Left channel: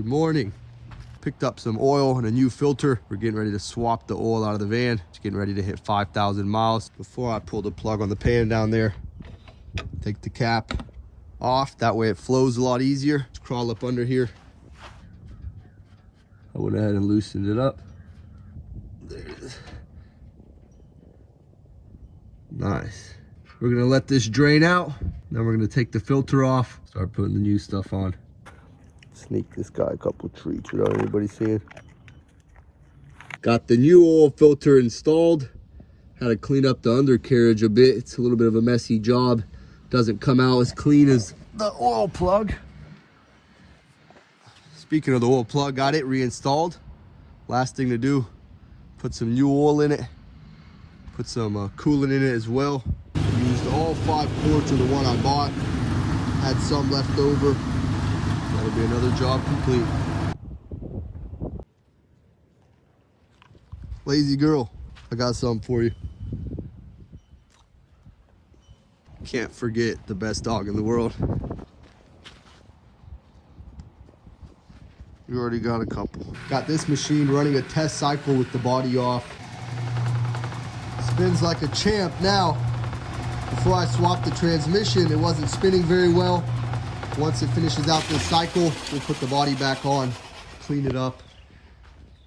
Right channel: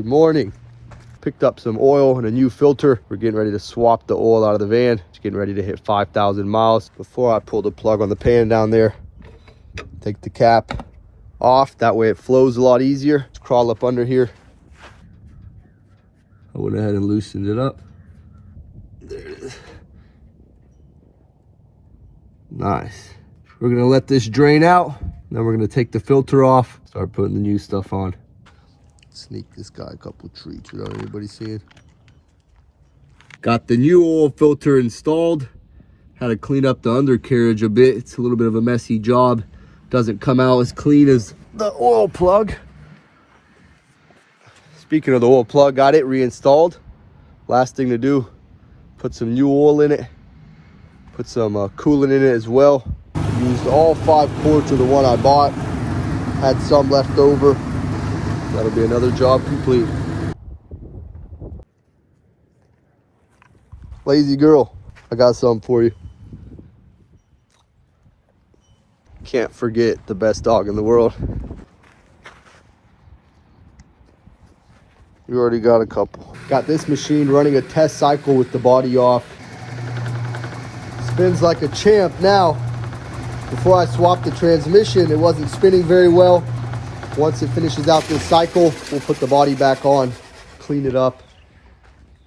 Good morning. Picked up some oil and a new filter. We're getting ready to swap the oil out of the van. Just getting ready to hit 5,000 miles. Before I pull the plug on the pan down there, take the cap off. That way it flows a lot easier. Let's crawl up under here. I went ahead and loosened it up. There it is. Nice. We're gonna let this drain out. Then we're gonna take the filter off, start putting the new stuff on. Sneak this guy a couple treats without anybody seeing. Got the new oil filter installed. Had to clean up the undercarriage a bit. It's a little bit of a messy job. Doesn't come out as clean as the oil plug. Speaking of the oil plug, got it reinstalled. Last thing to do, put some new oil in it. Put some coolant in it as well. Used all 5 quarts of the one I bought. Had some left over. That'll be another job complete. Lazy girl, I got something for you. Can't forget the best dog in the world. We already got a couple. Got this machine running a test cycle with the body off. Spins like a champ now. Before I swapped the transmission, it wasn't spinning very well. Once it finishes out this cycle, we'll put the body back on, clean it up.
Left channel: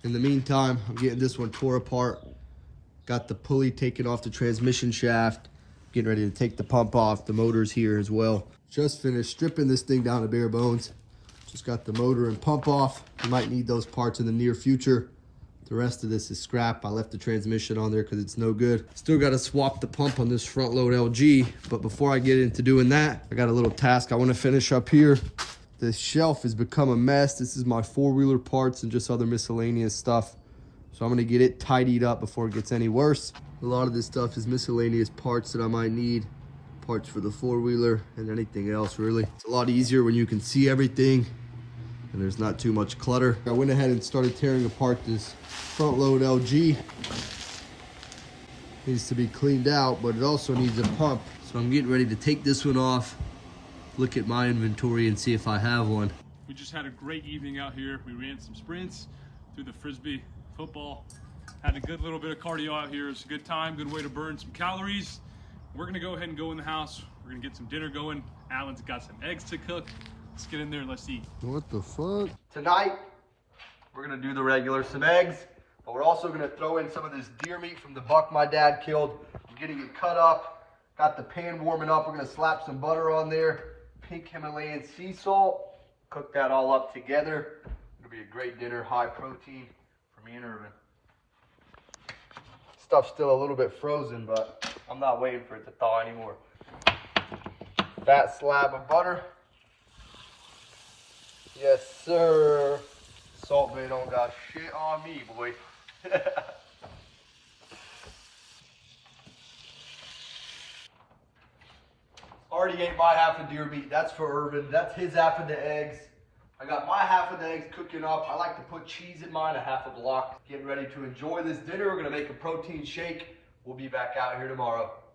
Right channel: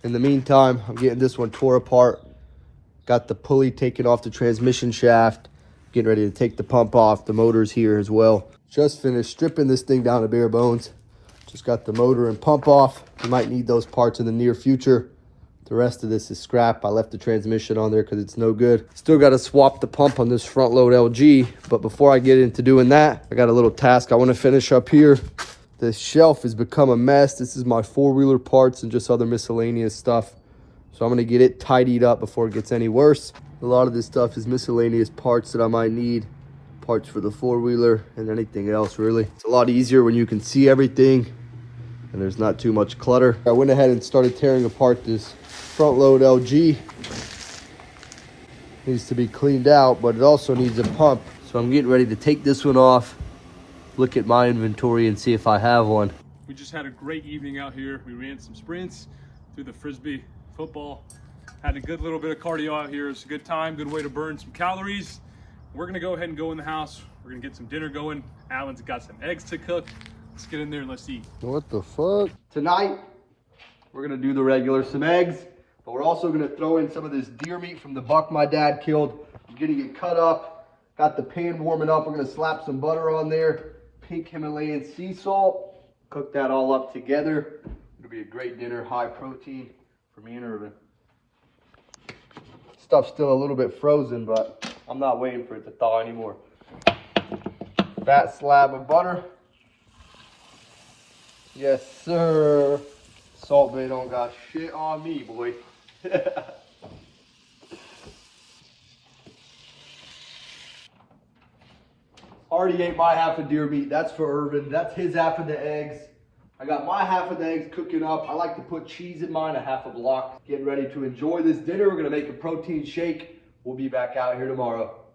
In the meantime, I'm getting this one tore apart. Got the pulley taken off the transmission shaft. Getting ready to take the pump off. The motor's here as well. Just finished stripping this thing down to bare bones. Just got the motor and pump off. We might need those parts in the near future. The rest of this is scrap. I left the transmission on there because it's no good. Still got to swap the pump on this front load LG. But before I get into doing that, I got a little task I want to finish up here. This shelf has become a mess. This is my 4-wheeler parts and just other miscellaneous stuff. So I'm going to get it tidied up before it gets any worse. A lot of this stuff is miscellaneous parts that I might need. Parts for the 4-wheeler and anything else really. It's a lot easier when you can see everything and there's not too much clutter. I went ahead and started tearing apart this front load LG. Needs to be cleaned out, but it also needs a pump. So I'm getting ready to take this one off, look at my inventory and see if I have one. We just had a great evening out here. We ran some sprints, threw the frisbee, football. Had a good little bit of cardio out here. It's a good time, good way to burn some calories. We're gonna go ahead and go in the house. We're gonna get some dinner going. Alan's got some eggs to cook. Let's get in there and let's eat. What the fuck? Tonight, we're gonna do the regular, some eggs, but we're also gonna throw in some of this deer meat from the buck my dad killed. I'm getting it cut up. Got the pan warming up. We're gonna slap some butter on there. Pink Himalayan sea salt. Cook that all up together. It'll be a great dinner, high protein for me and Irvin. Stuff's still a little bit frozen, but I'm not waiting for it to thaw anymore. Fat slab of butter. Yes, sir. Salt Bay don't got shit on me, boy. Already ate my half of deer meat. That's for Irvin. That's his half of the eggs. I got my half of the eggs cooking up. I like to put cheese in mine, a half a block. Getting ready to enjoy this dinner. We're gonna make a protein shake. We'll be back out here tomorrow.